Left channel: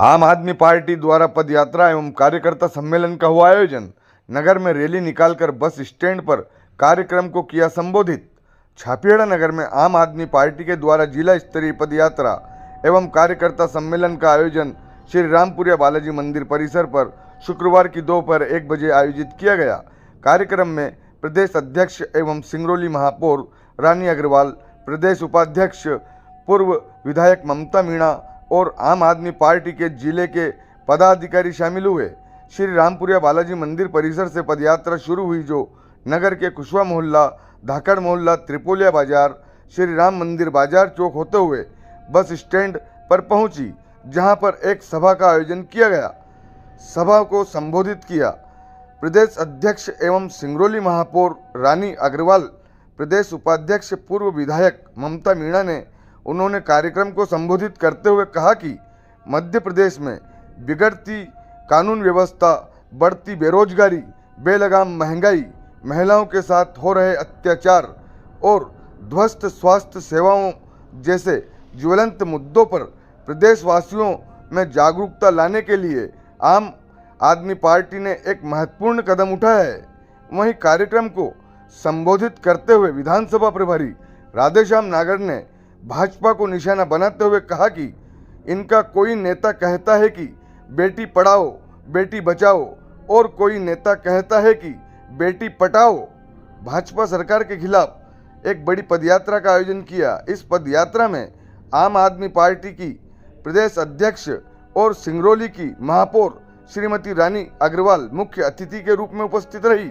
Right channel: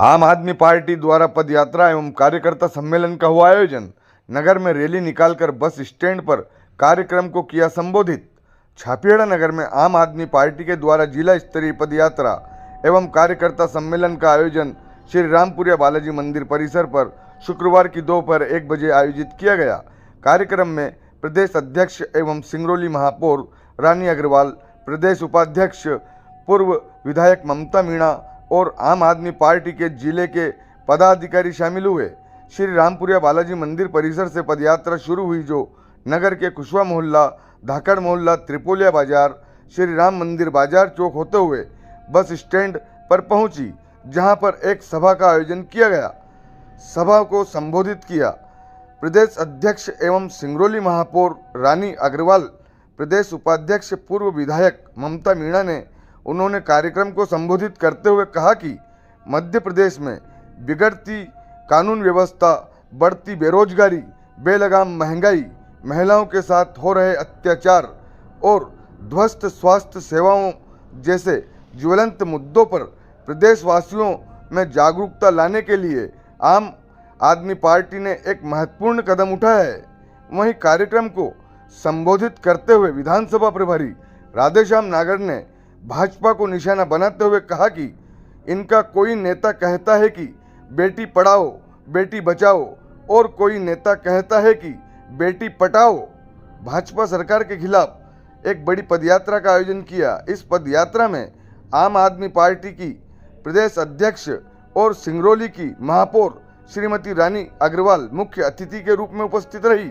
आम आदमी पार्टी द्वारा पदयात्रा एवं कार्यकर्ता सम्मेलन का हुआ आयोजन। नगर में रैली निकालकर बस स्टैंड पर कार्यक्रम को किया संबोधित। छापियाड़ा नगर में आम आदमी पार्टी के द्वारा जिला स्तरीय पदयात्रा एवं कार्यकर्ता सम्मेलन का आयोजन श्री रामपुरिया बालाजी मंदिर परिसर पर शुक्रवार की दोपहर 1 बजे आयोजित किया गया। कार्यक्रम में प्रदेश अध्यक्ष एवं सिंगरौली महापौर रानी अग्रवाल, प्रदेश उपाध्यक्ष पूर्व विधायक ममता मीणा और आम आदमी पार्टी के जिले के पदाधिकारी शामिल हुए। श्री रामपुरिया बालाजी मंदिर परिसर से पदयात्रा शुरू हुई, जो नगर के कुशवा मोहल्ला, धाकड़ मोहल्ला, त्रिपोलिया बाजार, श्री राम मंदिर बाजार चौक होते हुए बस स्टैंड पर पहुंची, जहां पर एक सभा का आयोजन किया गया। सभा को संबोधित किया प्रदेश अध्यक्ष एवं सिंगरौली महापौर रानी अग्रवाल, प्रदेश उपाध्यक्ष पूर्व विधायक ममता मीणा ने। उन्होंने कार्यक्रम को संबोधित करते हुए कहा कि मध्य प्रदेश में बिगड़ती कानून व्यवस्था, बढ़ती बेरोजगारी, बेलगाम महंगाई, महिलाओं के साथ हो रहे अत्याचार और ध्वस्त स्वास्थ्य सेवाओं जैसे ज्वलंत मुद्दों पर प्रदेशवासियों में जागरूकता लाने के लिए आम आदमी पार्टी ने एक महत्वपूर्ण कदम उठाया है। वहीं कार्यक्रम को संबोधित करते हुए विधानसभा प्रभारी राधेश्याम नागर ने भाजपा को निशाना बनाते हुए कहा कि इनका कोई नेता कहता है कि बेटी पढ़ाओ बेटी बचाओ और कोई नेता कहता है कि बेटी पटाओ। भाजपा सरकार के खिलाफ एक बड़ी पदयात्रा का आयोजन किया। इस पदयात्रा में आम आदमी पार्टी की प्रदेश अध्यक्ष और सिंगरौली की महापौर श्रीमती रानी अग्रवाल मुख्य अतिथि के रूप में उपस्थित रही।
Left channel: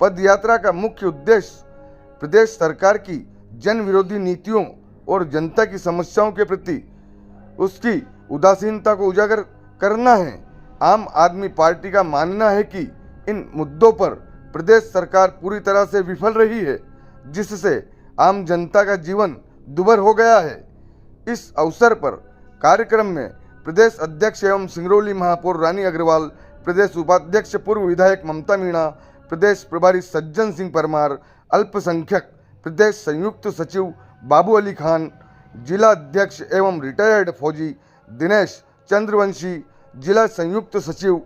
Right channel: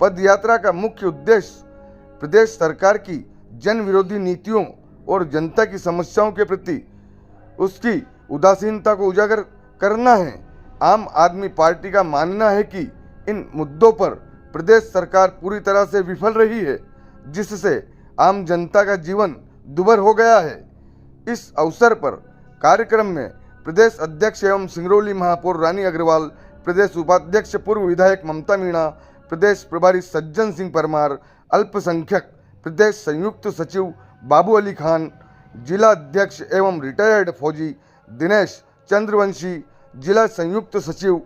पदयात्रा का मुख्य उद्देश्य प्रदेश सरकार की जन विरोधी नीतियों और जनता की समस्याओं के प्रति उसकी उदासीनता को उजागर करना है। आम आदमी पार्टी का मानना है कि इन मुद्दों पर प्रदेश सरकार पूरी तरह से विफल रही है, जिससे आम जनता का जीवन दुभर हो गया है। इस अवसर पर कार्यक्रम में प्रदेश अध्यक्ष एवं सिंगरौली महापौर रानी अग्रवाल, प्रदेश उपाध्यक्ष पूर्व विधायक ममता मीणा, प्रदेश प्रभारी सज्जन सिंह परमार, अल्पसंख्यक प्रदेश संयुक्त सचिव बाबू अली खान, जिला अध्यक्ष एवं रिटायर्ड फौजी दिनेश चंद्रवंशी, जिला संयुक्त सचिव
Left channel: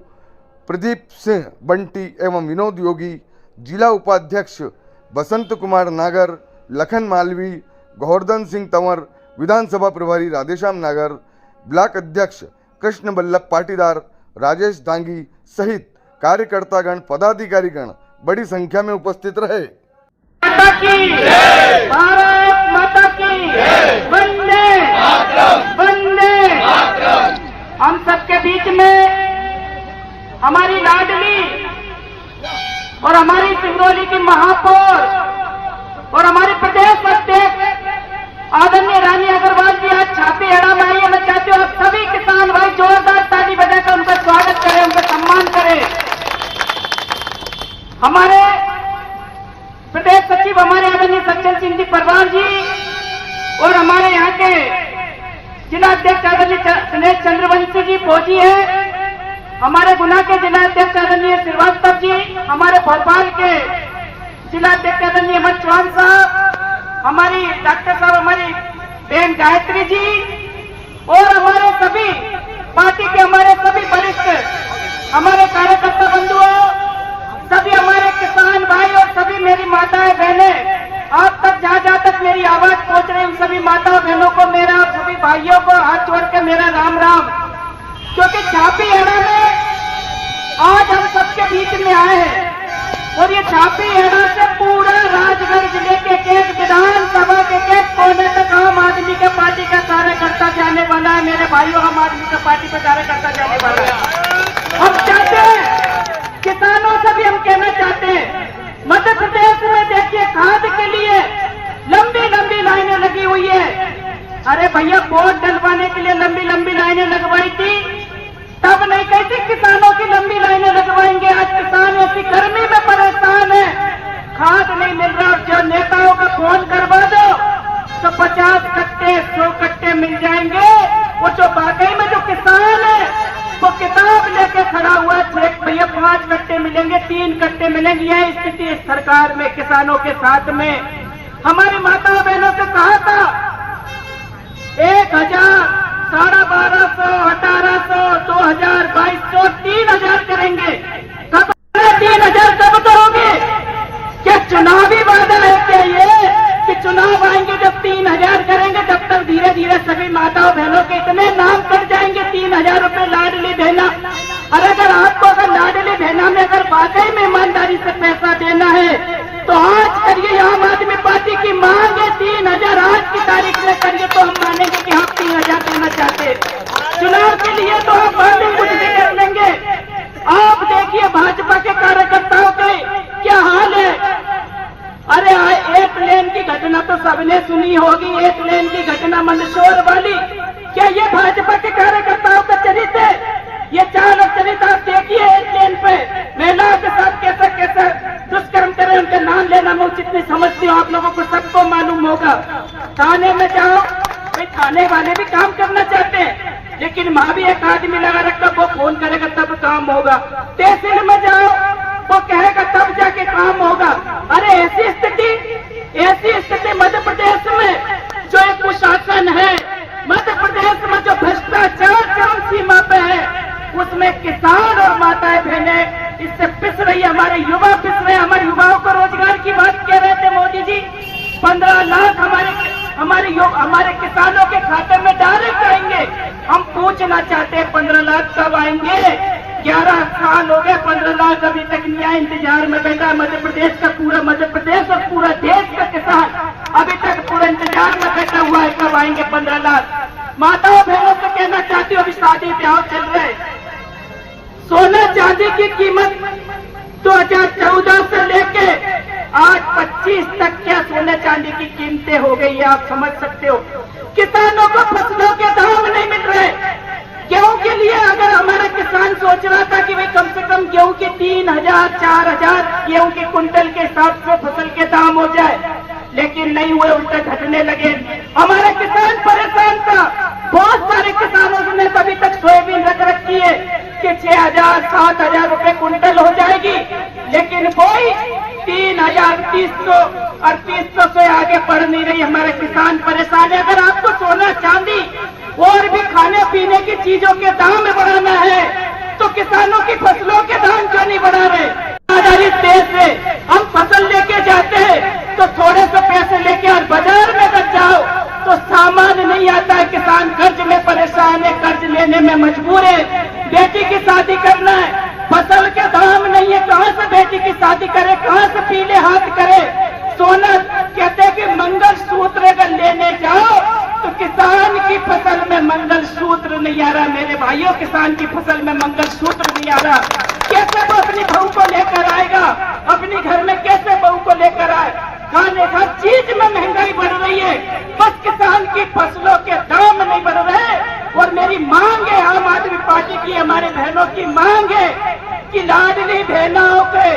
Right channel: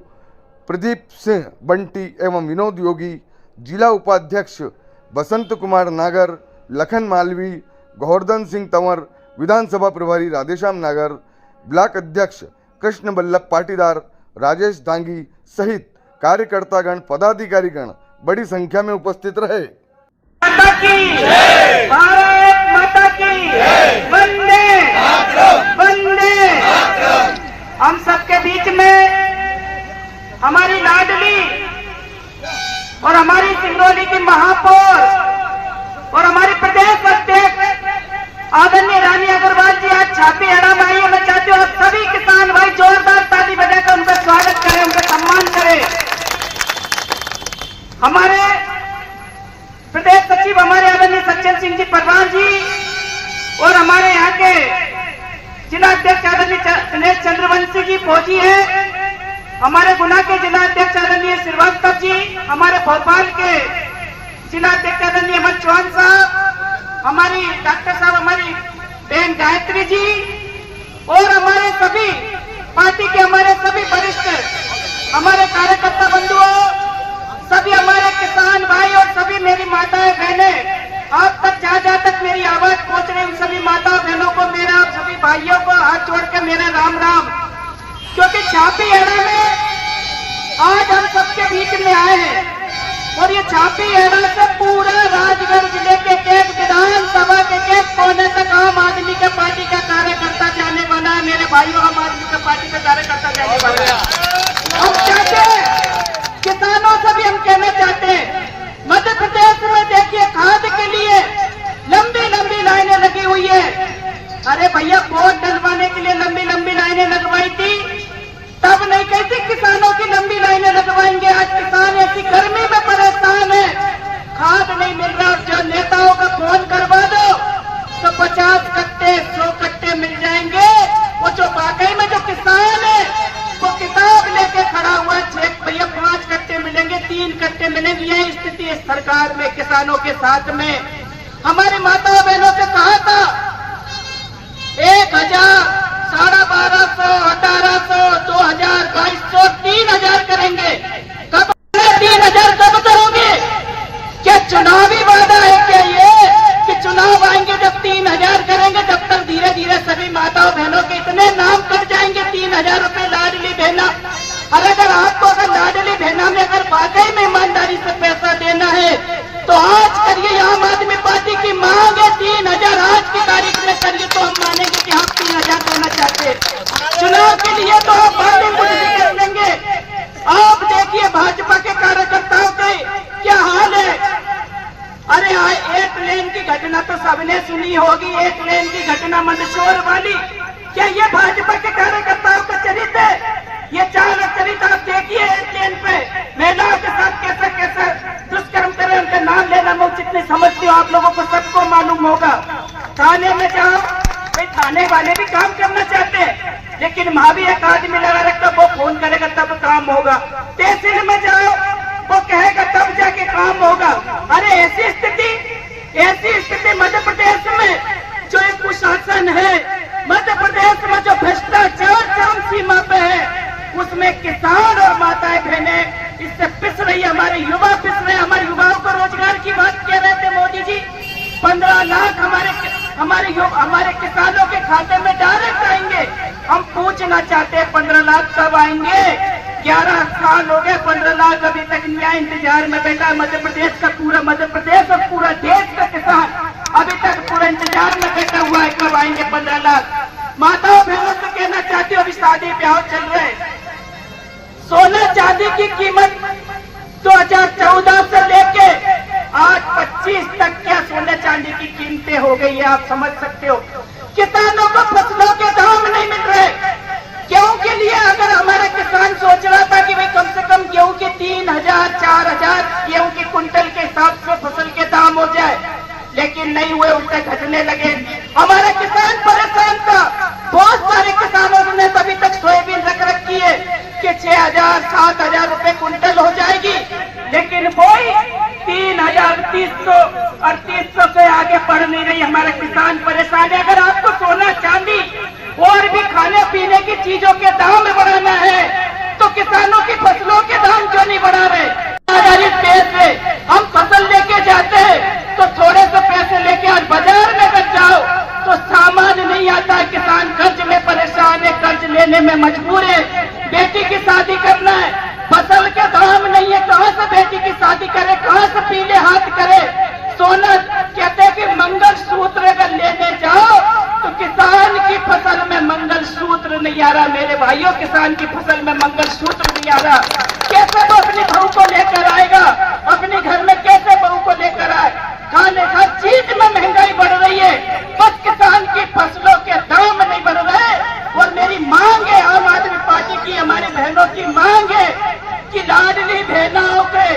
प्रदीप सिंह बंटी एवं विनोद योगी, जिला उपाध्यक्ष बसंत कुमार नागर, लखन मालवी, गोवर्धन सिंह तंवर, विधानसभा प्रभारी राधेश्याम नागर, ब्लॉक अध्यक्ष कृष्ण बल्लभ पाटीदार, राजेश दांगी सहित कार्यकर्तागण, पदाधिकारीगण बड़ी संख्या में उपस्थित रहे। हम सबके बीच में हमारी लाडली और हमारी सिंगरौली की महापौर और हमारी प्रदेश अध्यक्ष आदरणीय रानी अग्रवाल जी आज छापेड़ा में आई है। मैं चाहती हूँ आप सभी किसान भाई जोरदार ताली बजाकर उनका स्वागत करें, उनका सम्मान करें। हमारे प्रदेश सचिव हमारे आदरणीय सज्जन सिंह जी परमार जी और हमारे यहाँ के जिला अध्यक्ष आदरणीय दिनेश चंद्रवंशी जी फौजी है, हमारे गुना के जिला अध्यक्ष आदरणीय श्रीवास्तव जी, हमारे भोपाल के जिला अध्यक्ष आदरणीय अमर चौहान साहब, हमारी डॉक्टर साहब, हमारी बहन गायत्री जी और हमारे सभी पार्टी के हमारे सभी वरिष्ठ हमारे कार्यकर्ता बंधुओं, सभी हमारे किसान भाई और सभी मेरी माताएं बहनें, आप तक जहाँ तक मेरी आवाज पहुंच रही, उन सभी माता बहनों को मेरा, सभी भाइयों को हाथ जोड़ के मेरा राम राम। क्योंकि छापीहेड़ा में आज हम सबके बीच में आए हैं और ये छापीहेड़ा से पूरा राजगढ़ जिले के एक विधानसभा के एक कोने तक आम आदमी का पार्टी का कार्यकर्ता जाने वाला है। मेरे भाइयों, आम आदमी का पार्टी का कार्यकर्ता जाने वाला है। हम चाहते हैं, किसानों से भी हम कहना चाहते हैं, मध्य प्रदेश में देखिए खाद के लिए लंबी लंबी लाइनें लगी हुई है। अरे भैया, वोट डलवाने के लिए लंबी लंबी लाइनें लगवाई थी, तब नहीं कहती किसानों की लंबी लाइनें लगवाएंगे। आज किसान ऐसी गर्मी में परेशान है, खाद नहीं मिल रहा। जो नेताओं का फोन करवा दो तो 50 कट्टे 100 कट्टे मिल जाएंगे। वो जो वाकई में जो किसान है वो किताब लेके खड़ा हुआ है, भैया 5 कट्टे मिलेंगे, 3 कट्टे मिलेंगे। यह स्थिति इस सरकार में किसानों के साथ में। हमारी माता बहनों से कहा था 1000, 1250, 1800, सभी माताओं बहनों के इतने नाम कट जाएंगे, 3000 रुपए लाडली बहना। और अगर आपको अगर लाडली बहना में अगर वाकई में ईमानदारी से पैसा देना है तो आज करिए। आम आदमी पार्टी की मांग है 3000 आज की तारीख में करिए तो हम मानेंगे कि हम 3000 देना चाहते हैं। चुनाव के लिए तो आप बातें कुछ भी कर लेंगे। आप देखिए भाजपा के कार्यकर्ताओं के क्या हाल है। अरे एक लेन की घटना तो सबने सुनी होगी, एक लेन की घटना मंदसौर वाली। क्या ये भाजपा के कार्यकर्ताओं का चरित्र है? ये चाल और चरित्र आप देखिए। एक लेन पे महिलाओं के साथ कैसा कैसा दुष्कर्म करे, उनका नाम लेना मैं उचित नहीं समझती हूँ। आप लोगों को सबको मालूम होगा। थाने में जाओ, भाई थाने वाले भी काम करना चाहते हैं, लेकिन वहां भी एक आदमी लगा रखता, वो फोन करेगा तब काम होगा। तहसील में जाओ, वो कहेगा तब जाके काम होगा। अरे ऐसी स्थिति मध्य प्रदेश में जो एक कुशासन है, मध्य प्रदेश में जो भ्रष्टाचार चरम सीमा पे है, उसमें किसान और माताएं बहनें इससे पिस रही है। हमारे युवा पिस रहे हैं। हमारे युवाओं को रोजगार की बात कह रहे थे मोदी जी। 15 लाख हमारे किसानों के खाते में डायरेक्ट आएंगे। हम पूछना चाहते हैं 15 लाख कब आएंगे? 11 साल हो गए, 15 लाख अभी तक न्याय इंतजार में बैठा। मध्य प्रदेश का पूरा मध्य प्रदेश और पूरा देश का किसान अभी तक पूरा इंतजार में बैठा हुआ है, कब आएंगे 15 लाख। माताओं बहनों से कहना चाहती हूँ, अभी शादी ब्याह चल रहे हैं। सोना चांदी की कीमत 2014 से लेके आज 25 तक क्या सोना चांदी की कीमतें हो गई है, आप समझ सकते हो। किसानों को फसलों के दाम नहीं मिल रहे। गेहूं के लिए अगर हमारा किसान सोच रहा था कि भाई कम से कम गेहूं के 3000 4000 गेहूं के कुंटल के हिसाब से फसल के दाम हो जाए, लेकिन नहीं हुए, उल्टे घटने लगे। हमारा किसान परेशान था। बहुत सारे किसानों ने तभी तक सोयाबीन रख रखी है कि 6000 7000 रुपए कुंटल हो जाएगी, लेकिन कोई 3000 300 और 300 से आगे बढ़ नहीं रही। हमारे किसान परेशान है। अगर आपको सोना चांदी और भी खाने पीने की चीजों के दाम बढ़ाना है तो किसानों की फसलों के दाम क्यों नहीं बढ़ा रहे? आधारित देश से हम फसल लेके जाते हैं तो थोड़े से पैसे लेके और बाजार में अगर जाओ तो सामान नहीं आता है। किसान कर्ज में परेशान है, कर्ज लेने में मजबूर है। बेटी की शादी करना है, फसल के दाम नहीं है, कहाँ से बेटी की शादी करे, कहाँ से पीले हाथ करे। सोना कहते हैं कि मंगल सूत्र अगर लेने जाओ तो किसान की फसल में मंगल सूत्र नहीं आ रहा। मेरे भाइयों, किसान की फसल में मंगल सूत्र नहीं आ रहा। कैसे वो अपनी बहू को लेकर आएगा? अपने घर में कैसे बहू को लेकर आए? खाने हर चीज में महंगाई बढ़ रही है, बस किसान की फसलों के दाम नहीं बढ़ रहे। और मेरी मांग है, आम आदमी पार्टी की, हमारी बहनों की मांग है कि लाडली बहनों के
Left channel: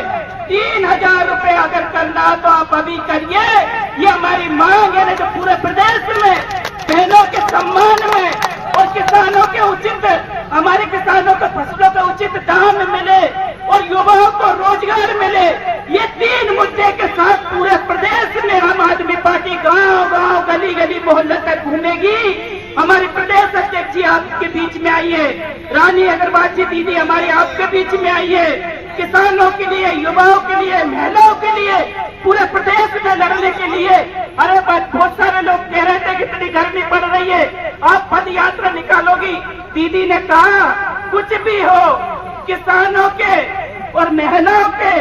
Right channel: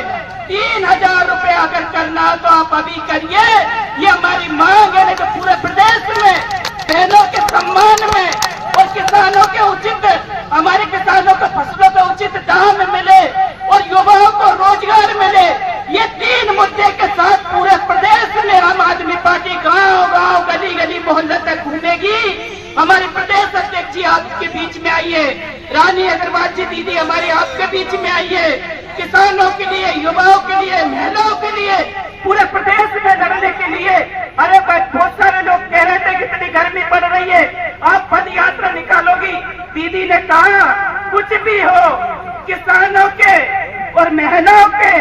3000 रुपए अगर करना हो तो आप अभी करिए। ये हमारी मांग है। जो पूरे प्रदेश में बहनों के सम्मान में और किसानों के उचित, हमारे किसानों को फसलों का उचित दाम मिले और युवाओं को रोजगार मिले, ये 3 मुद्दे के साथ पूरे प्रदेश में आम आदमी पार्टी गांव-गांव, गली-गली, मोहल्ले तक घूमेगी। हमारी प्रदेश अध्यक्ष जी आपके बीच में आई है, रानी अग्रवाल जी दीदी हमारी आपके बीच में आई है। किसानों के लिए, युवाओं के लिए, महिलाओं के लिए, पूरे प्रदेश में लड़ने के लिए। अरे बहुत सारे लोग कह रहे थे कि इतनी गर्मी पड़ रही है, आप पद यात्रा निकालोगी। दीदी ने कहा कुछ भी हो, किसानों के और महिलाओं के,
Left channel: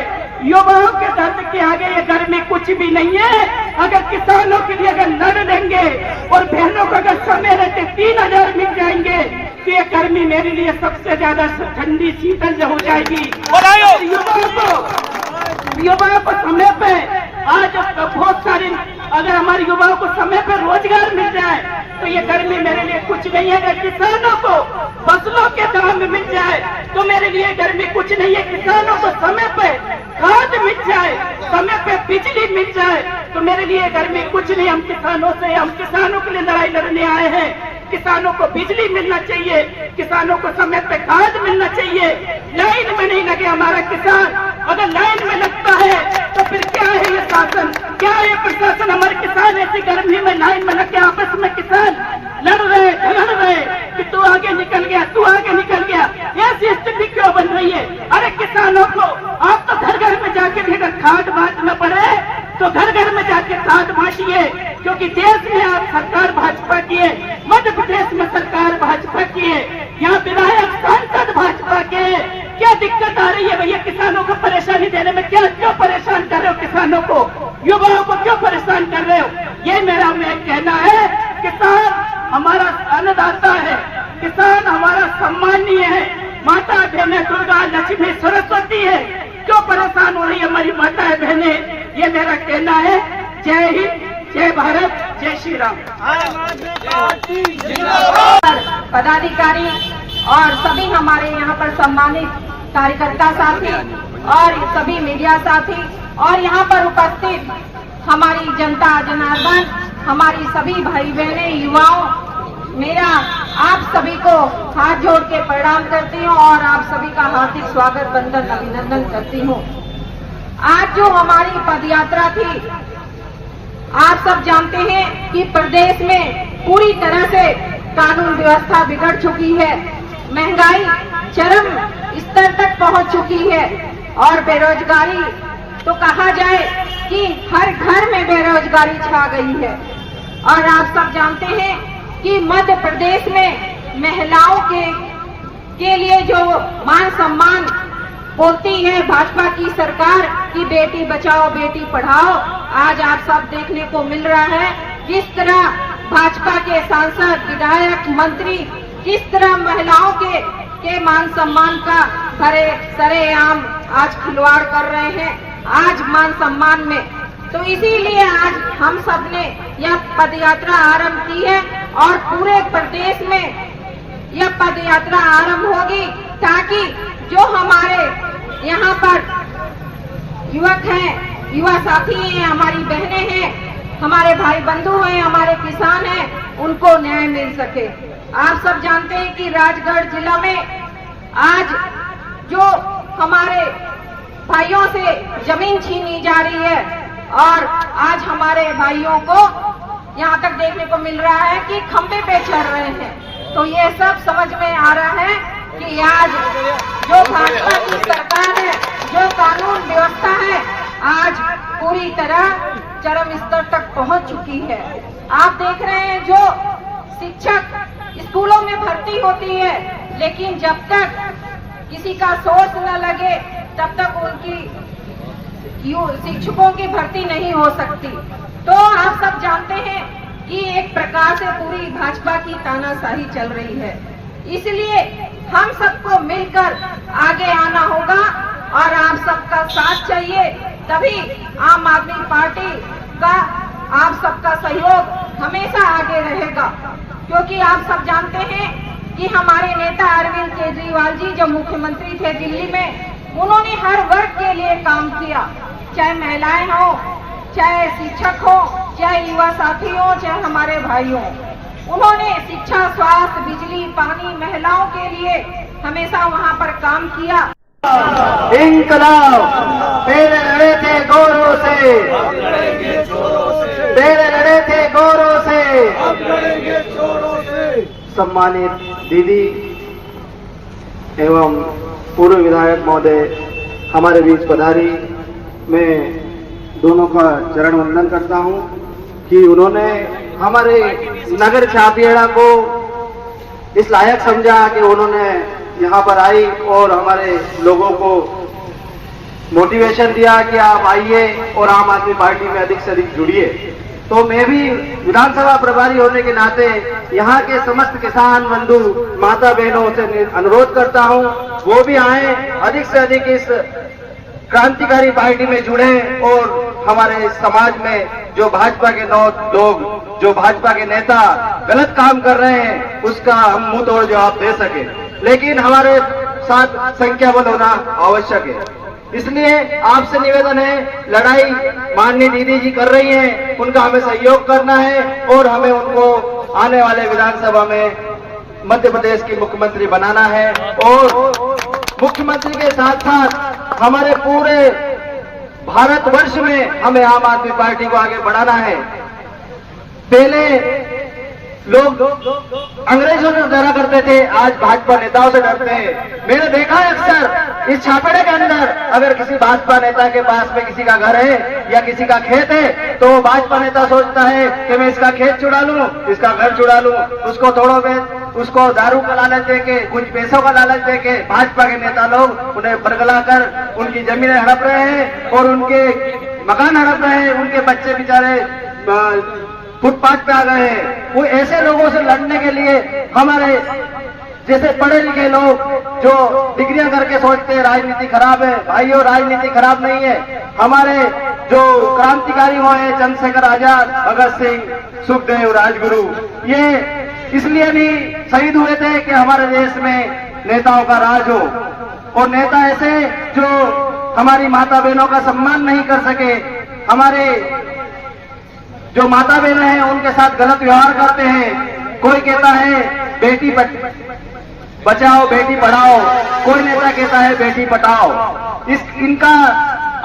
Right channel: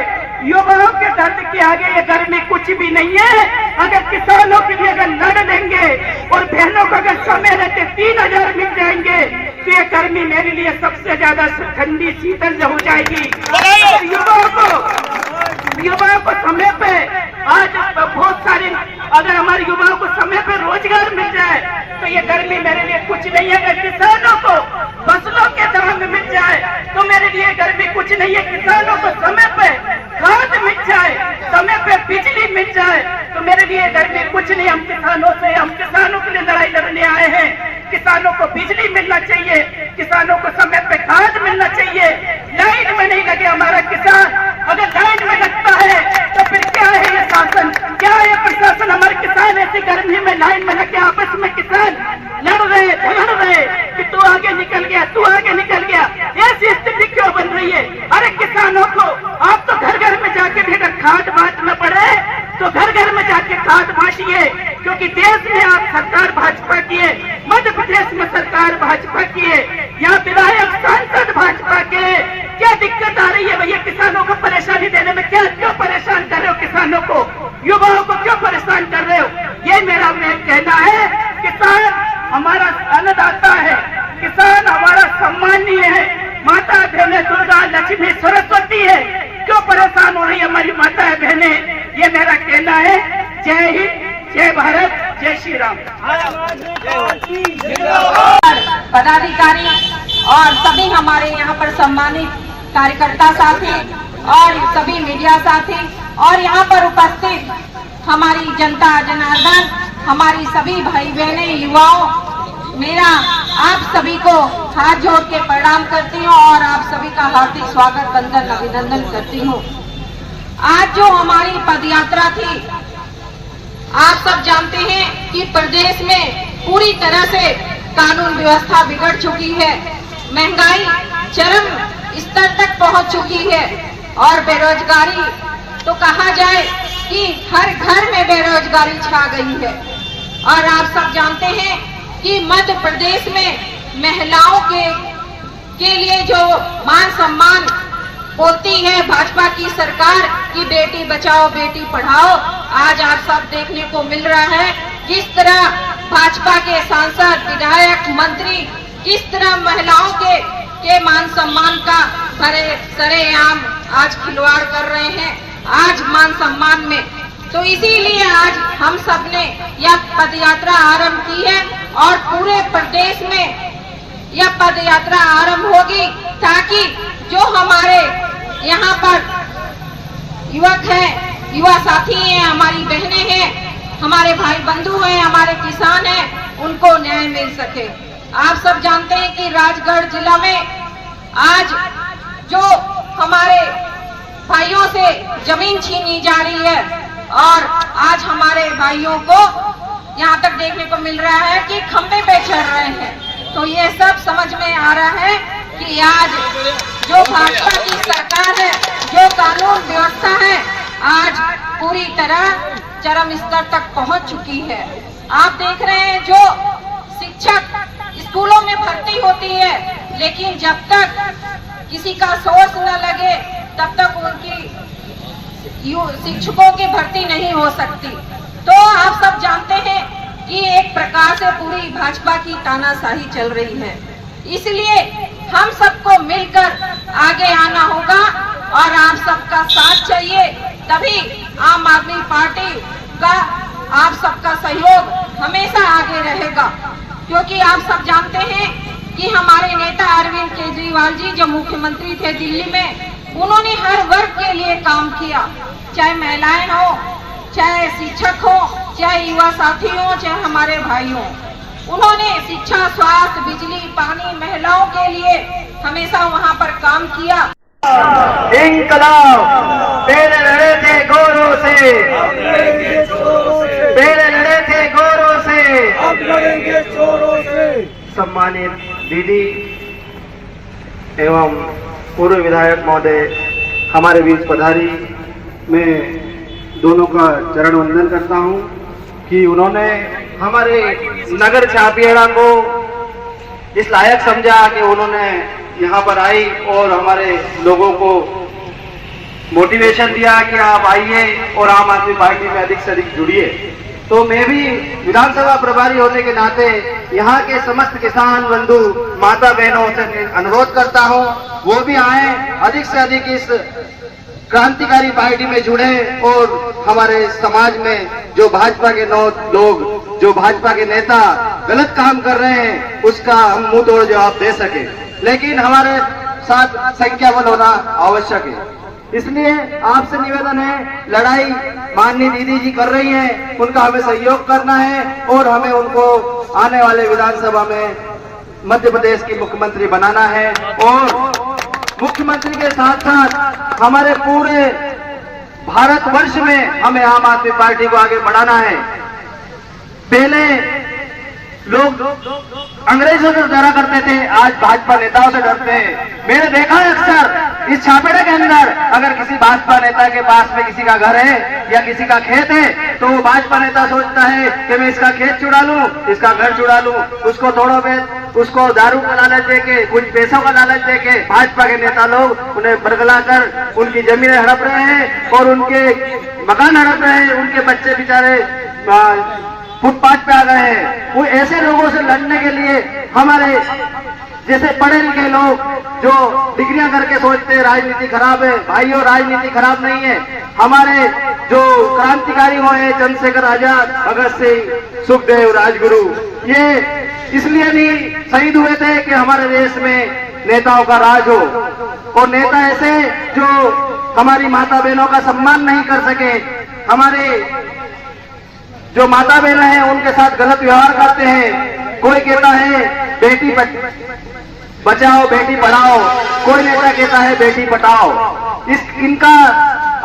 युवाओं के दर्द के आगे ये गर्मी कुछ भी नहीं है। अगर किसानों के लिए अगर लड़ लेंगे और बहनों को अगर समय रहते 3000 मिल जाएंगे तो ये गर्मी मेरे लिए सबसे ज्यादा ठंडी शीतल हो जाएगी। और युवाओं को समय पे, आज बहुत सारे, अगर हमारे युवाओं को समय पे रोजगार मिल जाए तो ये गर्मी मेरे लिए कुछ नहीं है। अगर किसानों को फसलों के दाम मिल जाए तो मेरे लिए गर्मी कुछ नहीं है। किसानों को समय पे खाद मिल जाए, समय पे बिजली मिल जाए तो मेरे लिए गर्मी कुछ नहीं। हम किसानों के लिए लड़ाई लड़ने आए हैं। किसानों को बिजली मिलना चाहिए, किसानों को समय पे खाद मिलना चाहिए। लाइन में नहीं लगे हमारा किसान। अगर लाइन में लगता है तो फिर क्या है ये शासन, क्या है प्रशासन? हमारे किसान ऐसी गर्मी में लाइन में लगे आपस में किसान लड़ रहे, झगड़ रहे कि तू आगे निकल गया, तू आगे निकल गया। ऐसी स्थिति क्यों बन रही है? अरे किसानों को आप तो घर घर में जाके भी अगर खाद बांटना पड़े तो घर घर में जाके खाद बांटिए, क्योंकि क्योंकि देश में आप सरकार भाजपा की है, मध्य प्रदेश में सरकार भाजपा की है, यहाँ विधायक सांसद भाजपा के। क्या दिक्कत आ रही है भैया? किसानों को परेशानी देने में क्यों परेशान कर रहे हो? किसानों को, युवाओं को क्यों परेशान कर रहे हो? ये मेरा कहना है। किसान हमारा अन्नदाता है, किसान हमारा सम्मानीय है, माता बहने दुर्गा लक्ष्मी सरस्वती है। क्यों परेशान हो रही है हमारी माता बहनें? ये मेरा कहना है। जय हिंद, जय भारत, जय श्री राम। पदाधिकारी और सभी हमारे यहाँ पर सम्मानित कार्यकर्ता साथी और सभी मीडिया साथी और यहाँ पर उपस्थित हमारी जनता जनार्दन, हमारी सभी भाई बहने, युवाओं, मेरा आप सभी को हाथ जोड़ के प्रणाम करती हूँ और आप सभी का हार्दिक स्वागत, वंदन, अभिनंदन करती हूँ। आज जो हमारी पदयात्रा थी, आप सब जानते हैं कि प्रदेश में पूरी तरह से कानून व्यवस्था बिगड़ चुकी है, महंगाई चरम स्तर तक पहुंच चुकी है और बेरोजगारी तो कहा जाए कि हर घर में बेरोजगारी छा गई है। और आप सब जानते हैं कि मध्य प्रदेश में महिलाओं के लिए जो मान सम्मान बोलती है भाजपा की सरकार की, बेटी बचाओ बेटी पढ़ाओ, आज आप सब देखने को मिल रहा है किस तरह भाजपा के सांसद, विधायक, मंत्री किस तरह महिलाओं के मान सम्मान का सरेआम आज खिलवाड़ कर रहे हैं आज मान सम्मान में। तो इसीलिए आज हम सब ने यह पदयात्रा आरंभ की है और पूरे प्रदेश में यह पदयात्रा आरंभ होगी ताकि जो हमारे यहाँ पर युवक हैं, युवा साथी हैं, हमारी बहनें हैं, हमारे भाई बंधु हैं, हमारे किसान हैं, उनको न्याय मिल सके। आप सब जानते हैं कि राजगढ़ जिला में आज जो हमारे भाइयों से जमीन छीनी जा रही है और आज हमारे भाइयों को यहाँ तक देखने को मिल रहा है कि खंबे पे चढ़ रहे हैं। तो ये सब समझ में आ रहा है कि आज जो भाजपा की सरकार है, जो कानून व्यवस्था है, आज पूरी तरह चरम स्तर तक पहुंच चुकी है। आप देख रहे हैं जो शिक्षक स्कूलों में भर्ती होती है, लेकिन जब तक किसी का सोर्स न लगे तब तक उनकी शिक्षकों की भर्ती नहीं हो सकती। तो आप सब जानते हैं कि एक प्रकार से पूरी भाजपा की तानाशाही चल रही है। इसलिए हम सबको मिलकर आगे आना होगा और आप सबका साथ चाहिए, तभी आम आदमी पार्टी का आप सबका सहयोग हमेशा आगे रहेगा। क्योंकि आप सब जानते हैं कि हमारे नेता अरविंद केजरीवाल जी जो मुख्यमंत्री थे दिल्ली में, उन्होंने हर वर्ग के लिए काम किया, चाहे महिलाएं हो, चाहे शिक्षक हो, चाहे युवा साथी हो, चाहे हमारे भाई हो। उन्होंने शिक्षा, स्वास्थ्य, बिजली, पानी, महिलाओं के लिए हमेशा वहाँ पर काम किया। इंकलाब तेरे लड़े थे गौरव से, तेरे लड़े थे गौरव से। सम्मानित दीदी एवं पूर्व विधायक महोदय हमारे बीच पधारी, मैं दोनों का चरण वंदन करता हूं कि उन्होंने हमारे नगर छापियाड़ा को इस लायक समझा कि उन्होंने यहाँ पर आई और हमारे लोगों को मोटिवेशन दिया कि आप आइए और आम आदमी पार्टी में अधिक से अधिक जुड़िए। तो मैं भी विधानसभा प्रभारी होने के नाते यहाँ के समस्त किसान बंधु माता बहनों से अनुरोध करता हूँ वो भी आए, अधिक से अधिक इस क्रांतिकारी पार्टी में जुड़े और हमारे समाज में जो भाजपा के लोग, जो भाजपा के नेता गलत काम कर रहे हैं उसका हम मुंह तोड़ जवाब दे सके। लेकिन हमारे साथ संख्या बल होना आवश्यक है। इसलिए आपसे निवेदन है, लड़ाई माननीय दीदी जी कर रही हैं, उनका हमें सहयोग करना है और हमें उनको आने वाले विधानसभा में मध्य प्रदेश की मुख्यमंत्री बनाना है। और मुख्यमंत्री के साथ साथ हमारे पूरे भारतवर्ष में हमें आम आदमी पार्टी को आगे बढ़ाना है। पहले लोग अंग्रेजों से डरा करते थे, आज भाजपा नेताओं से डरते हैं। मैंने देखा है अक्सर इस छापेड़े के अंदर, अगर किसी भाजपा नेता के पास में किसी का घर है या किसी का खेत है, तो वो भाजपा नेता सोचता है कि मैं इसका खेत छुड़ा लूं, इसका घर छुड़ा लूं, उसको थोड़ों पे उसको दारू का लालच देके, कुछ पैसों का लालच देके भाजपा के नेता लोग उन्हें बरगलाकर उनकी जमीनें हड़प रहे हैं और उनके मकान हड़प रहे हैं। उनके बच्चे बेचारे फुटपाथ पे आ गए हैं। वो ऐसे लोगों से लड़ने के लिए हमारे जैसे पढ़े लिखे लोग जो डिग्रियां करके सोचते हैं राजनीति खराब है, भाइयों राजनीति खराब नहीं है। हमारे जो क्रांतिकारी हुए चंद्रशेखर आजाद, भगत सिंह, सुखदेव, राजगुरु, ये इसलिए नहीं शहीद हुए थे कि हमारे देश में नेताओं का राज हो। और नेता ऐसे जो हमारी माता बहनों का सम्मान नहीं कर सके, हमारे जो माता बहनें हैं उनके साथ गलत व्यवहार करते हैं। कोई कहता है बेटी बचाओ बेटी पढ़ाओ, कोई नेता कहता है बेटी पटाओ। इनका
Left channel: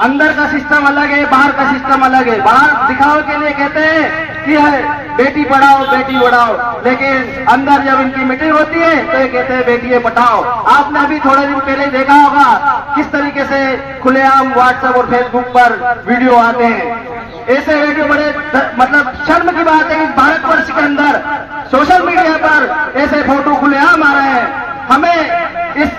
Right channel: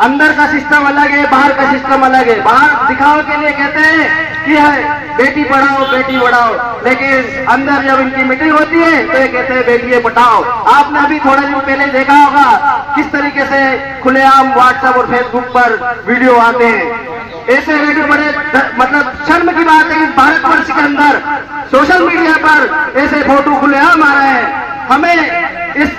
अंदर का सिस्टम अलग है, बाहर का सिस्टम अलग है। बाहर दिखावे के लिए कहते हैं कि है बेटी पढ़ाओ बेटी बढ़ाओ, लेकिन अंदर जब इनकी मीटिंग होती है तो ये कहते हैं बेटियां पढ़ाओ। आपने अभी थोड़े दिन पहले देखा होगा किस तरीके से खुलेआम व्हाट्सएप और फेसबुक पर वीडियो आते हैं। ऐसे वीडियो बड़े मतलब शर्म की बात है कि भारतवर्ष के अंदर सोशल मीडिया पर ऐसे फोटो खुलेआम आ रहे हैं। हमें इस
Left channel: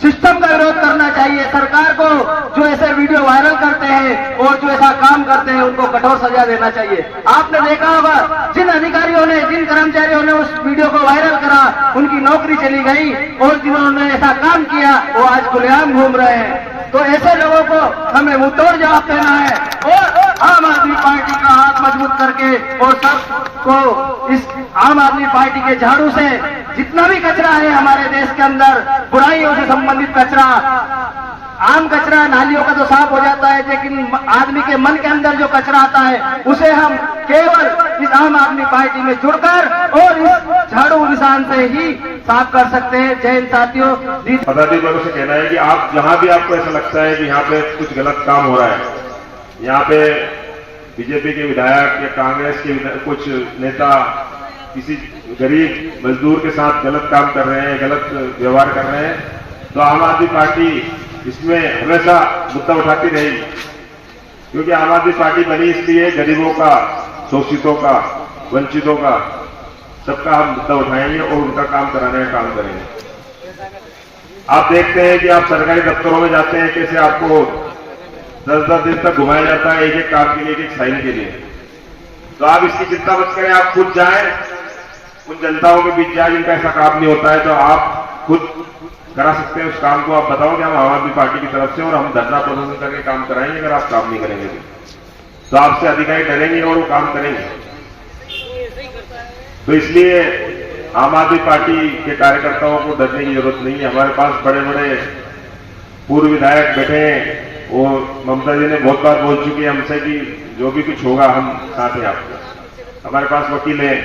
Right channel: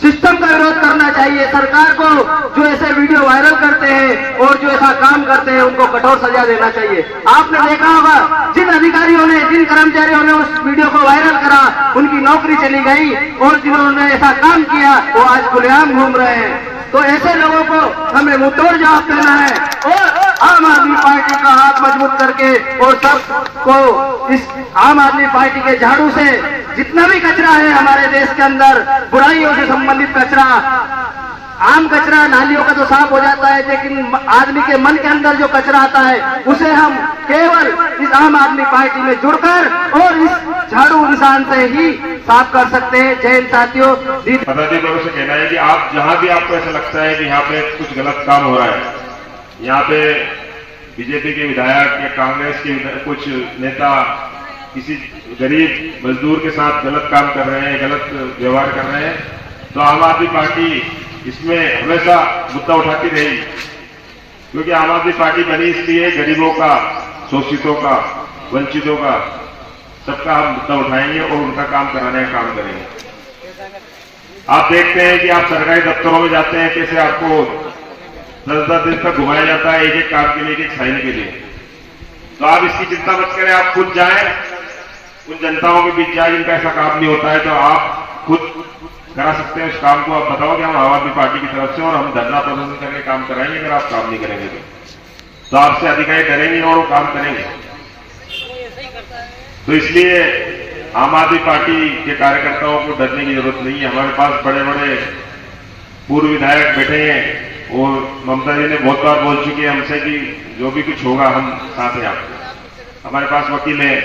सिस्टम का विरोध करना चाहिए। सरकार को जो ऐसे वीडियो वायरल करते हैं और जो ऐसा काम करते हैं उनको कठोर सजा देना चाहिए। आपने देखा होगा जिन अधिकारियों ने, जिन कर्मचारियों ने उस वीडियो को वायरल करा, उनकी नौकरी चली गई और जिन्होंने ऐसा काम किया वो आज खुलेआम घूम रहे हैं। तो ऐसे लोगों को हमें मुंहतोड़ जवाब देना है और आम आदमी पार्टी का हाथ मजबूत करके और सबको इस आम आदमी पार्टी के झाड़ू से जितना भी कचरा है हमारे देश के अंदर, बुराइयों से संबंधित कचरा, आम कचरा नालियों का तो साफ हो जाता है, लेकिन आदमी के मन के अंदर जो कचरा आता है उसे हम केवल इस आम आदमी पार्टी में जुड़कर और इस झाड़ू निशान से ही साफ कर सकते हैं। जय हिंद साथियों। पदाधिकारियों से कहना है कि आप जहां भी आपको ऐसा लगता है कि यहाँ पे कुछ गलत काम हो रहा है, यहाँ पे बीजेपी के विधायक या कांग्रेस के कुछ नेता किसी गरीब मजदूर के साथ गलत काम कर रहे हैं, गलत व्यवहार कर रहे हैं, तो आम आदमी पार्टी इसमें हमेशा मुद्दा उठाती रही। क्योंकि आम आदमी पार्टी बनी इसलिए गरीबों का, शोषितों का, वंचितों का, सबका हम मुद्दा उठाएंगे और उनका काम कराने का काम करेंगे। आप देखते हैं कि आप सरकारी दफ्तरों में जाते हैं, कैसे आपको 10-10 दिन तक घुमाया जाता है एक एक काम के लिए, एक एक साइन के लिए। तो आप इसकी चिंता मत करें, आप खुद जाएं उन जनताओं के बीच जाए जिनका ऐसा काम नहीं होता है, तो आप खुद करा सकते हैं उस काम को। आप बताओ कि हम आम आदमी पार्टी की तरफ से और हम धरना प्रदर्शन करके काम कराएंगे। अगर आप काम नहीं करेंगे तो आपसे अधिकारी डरेंगे और वो काम करेंगे। तो इसलिए आम आदमी पार्टी के कार्यकर्ताओं को डरने की जरूरत नहीं है। हमारे पास बड़े बड़े पूर्व विधायक बैठे हैं और ममता जी ने बहुत बार बोल चुकी है हमसे कि जो भी कुछ होगा हम साथ हैं आपको। हमारे पास वकील है,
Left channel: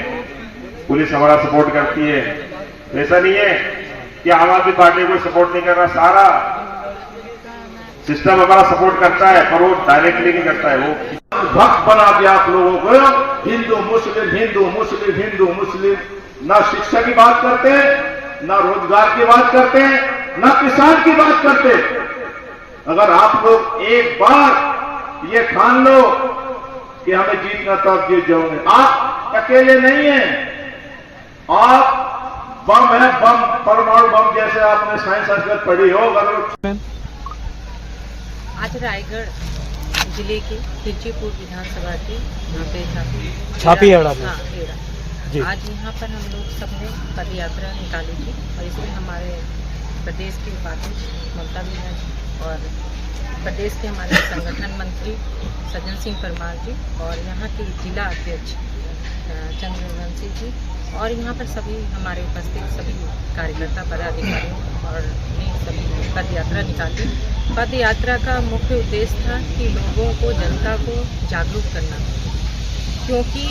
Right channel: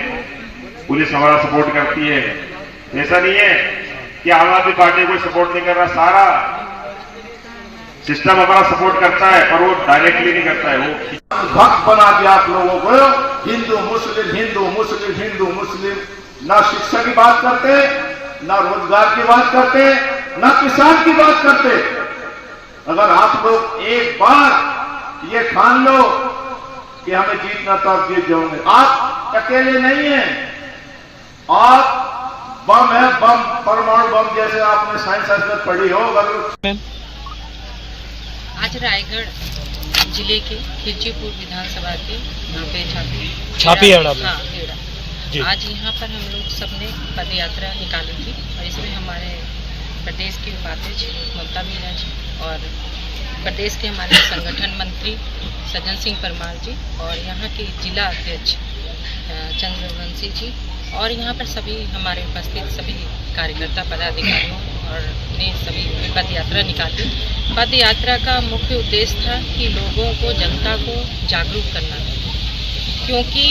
पुलिस हमारा सपोर्ट करती है। ऐसा नहीं है कि आम आदमी पार्टी कोई सपोर्ट नहीं कर रहा, सारा सिस्टम हमारा सपोर्ट करता है, पर वो डायरेक्टली नहीं करता है। वो भक्त बना दिया आप लोगों को, हिंदू मुस्लिम हिंदू मुस्लिम हिंदू मुस्लिम। ना शिक्षा की बात करते, ना रोजगार की बात करते, ना किसान की बात करते। अगर आप लोग एक बार ये ठान लो कि हमें जीतना तब जीत जाओगे। आप अकेले नहीं हैं, आप बम है, बम परमाणु बम जैसे आपने साइंस संस्कृत पढ़ी हो। आज रायगढ़ जिले के खिलचीपुर विधानसभा के यहाँ पे आज यहाँ पर हम लोग सबने पद यात्रा निकाली थी और इसमें हमारे प्रदेश के उपाध्यक्ष ममता मीना जी और प्रदेश के हमारे संगठन मंत्री सज्जन सिंह परमार जी और यहाँ के जिला अध्यक्ष चंद्रवंशी जी और यहाँ पर सभी हमारे उपस्थित सभी कार्यकर्ता पदाधिकारियों और ने सभी पद यात्रा निकाली। पद यात्रा का मुख्य उद्देश्य था कि लोगों को, जनता को जागरूक करना, क्योंकि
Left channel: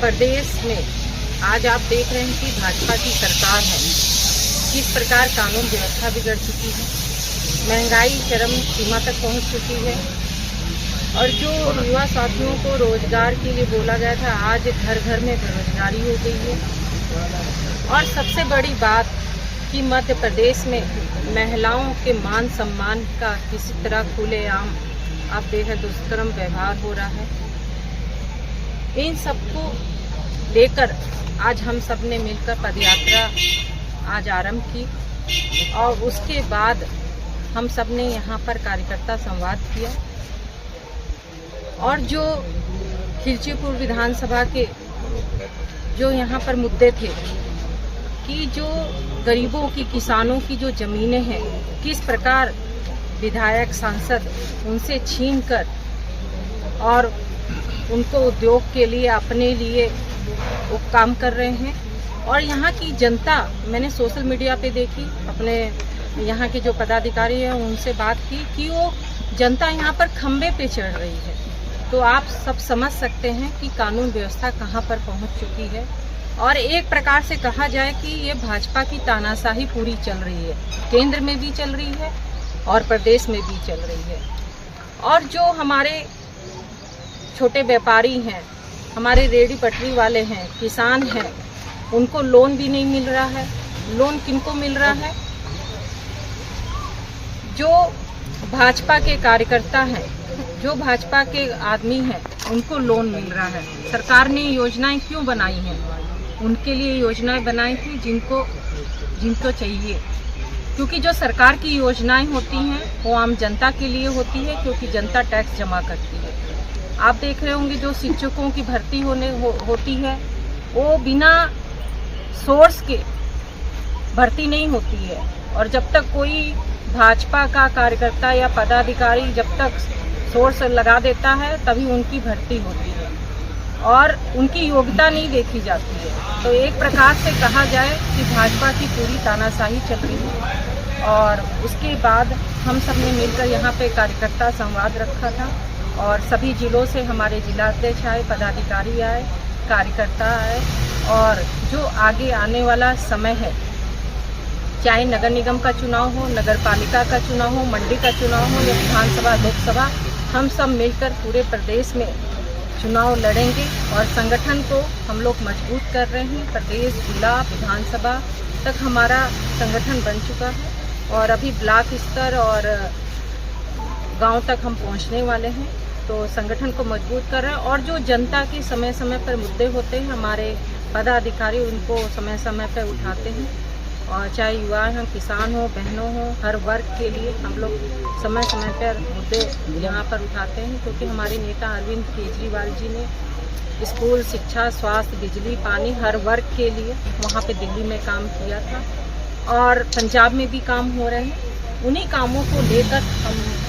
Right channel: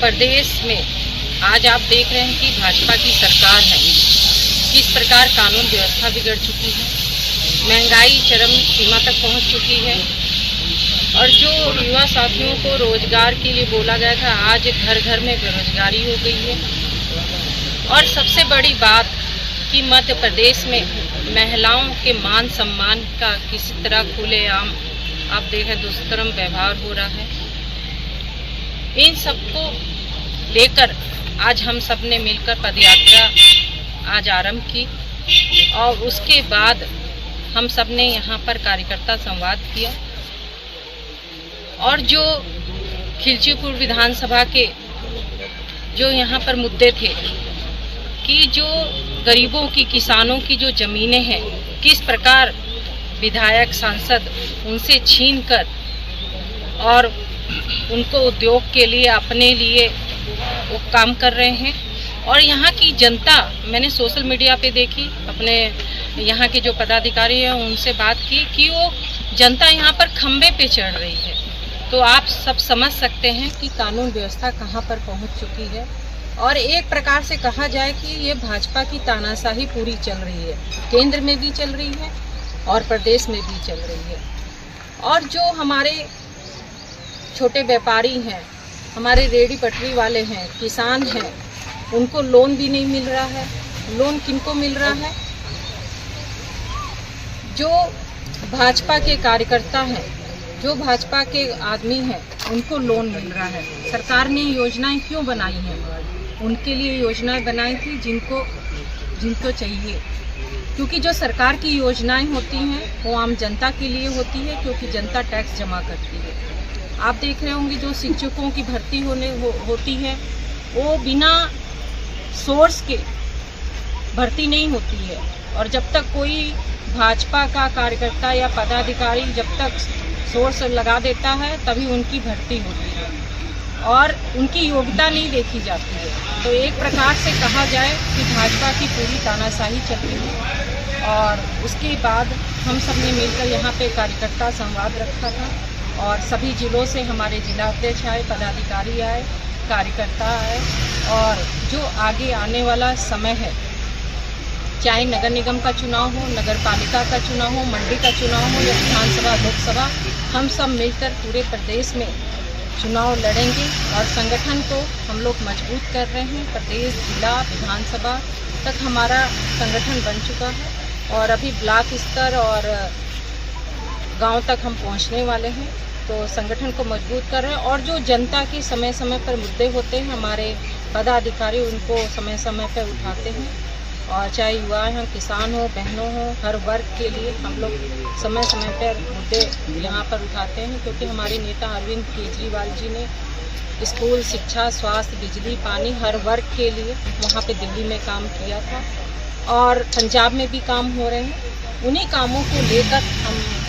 प्रदेश में आज आप देख रहे हैं कि भाजपा की सरकार है, किस प्रकार कानून व्यवस्था बिगड़ चुकी है, महंगाई चरम सीमा तक पहुंच चुकी है और जो युवा साथियों को रोजगार के लिए बोला गया था, आज घर घर में बेरोजगारी हो गई है। और सबसे बड़ी बात कि मध्य प्रदेश में महिलाओं के मान सम्मान का किसी तरह खुलेआम आप देखें दुष्कर्म व्यवहार हो रहा है। इन सबको लेकर आज हम सब ने मिलकर पदयात्रा आज आरंभ की और उसके बाद हम सब ने यहाँ पर कार्यकर्ता संवाद किया और जो खिलचीपुर विधानसभा के जो यहाँ पर मुद्दे थे कि जो गरीबों की, किसानों की जो ज़मीनें हैं, किस प्रकार विधायक सांसद उनसे छीनकर और उनको उद्योग के लिए, अपने लिए वो काम कर रहे हैं। और यहाँ की जनता, मैंने सोशल मीडिया पे देखी, अपने यहाँ के जो पदाधिकारी हैं उनसे बात की कि वो जनता यहाँ पर खंबे पे चढ़ रही है। तो आप सब समझ सकते हैं कि कानून व्यवस्था कहाँ पर पहुँच चुकी है। और एक प्रकार से कहा जाए कि ये भाजपा की तानाशाही पूरी चल रही है, केंद्र में भी चल रही है और प्रदेश में भी चल रही है। और जो हमारे छोटे व्यापारी हैं, हमारे रेहड़ी पटरी वाले हैं, किसान हैं, उनको लोन भी नहीं मिल रहा है। लोन किनको मिल रहा है? जो भाजपा के कार्यकर्ता हैं, जो भाजपा के आदमी हैं, उनको लोन मिल रहा है। सरकार ने योजनाएं क्यों बनाई हैं? उनके लिए योजनाएं बनाई थी जिनको चाहिए, क्योंकि जो सरकार की योजनाएं होती हैं वो आम जनता के लिए होती है, क्योंकि जनता टैक्स जमा करती है। आप देख रहे होंगे जो शिक्षकों की भर्ती होती है वो बिना सोर्स के भर्ती नहीं होती है। और जब तक कोई भाजपा का कार्यकर्ता या पदाधिकारी जब तक सोर्स लगा देता है तभी उनकी भर्ती होती है और उनकी योग्यता नहीं देखी जाती है। तो एक प्रकार से कहा जाए कि भाजपा की पूरी तानाशाही चल रही है। और उसके बाद हम सब ने मिलकर यहाँ पे कार्यकर्ता संवाद रखा था और सभी जिलों से हमारे जिलाध्यक्ष आए, पदाधिकारी आए, कार्यकर्ता आए। और जो आगे आने वाला समय है, चाहे नगर निगम का चुनाव हो, नगर पालिका का चुनाव हो, मंडी का चुनाव हो या विधानसभा, लोकसभा, हम सब मिलकर पूरे प्रदेश में चुनाव लड़ेंगे और संगठन को हम लोग मजबूत कर रहे हैं। प्रदेश, जिला, विधानसभा तक हमारा संगठन बन चुका है और अभी ब्लॉक स्तर और गांव तक हम पहुंचने वाले हैं। तो संगठन को मजबूत कर रहे हैं और जो जनता के समय समय पर मुद्दे होते हैं, हमारे पदाधिकारी उनको समय समय पर उठाते हैं। और चाहे युवा हों, किसान हो, बहनों हो, हर वर्ग के लिए हम लोग समय समय पर मुद्दे यहाँ पर उठाते हैं, क्योंकि हमारे नेता अरविंद केजरीवाल जी ने स्कूल, शिक्षा, स्वास्थ्य, बिजली, पानी हर वर्ग के लिए वहाँ पे दिल्ली में काम किया था और पंजाब में भी काम हो रहे हैं। उन्हीं कामों को लेकर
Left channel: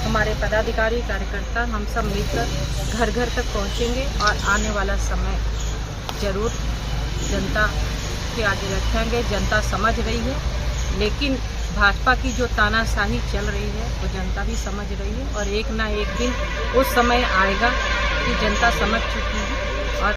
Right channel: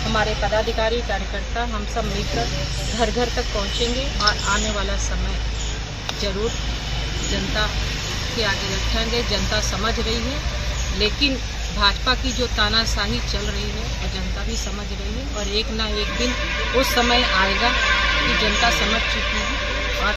हमारे पदाधिकारी, कार्यकर्ता हम सब मिलकर घर घर तक पहुँचेंगे और आने वाला समय जरूर जनता के आगे रखेंगे। जनता समझ रही है, लेकिन भाजपा की जो तानाशाही चल रही है वो जनता भी समझ रही है और एक ना एक दिन उस समय आएगा कि जनता समझ चुकी है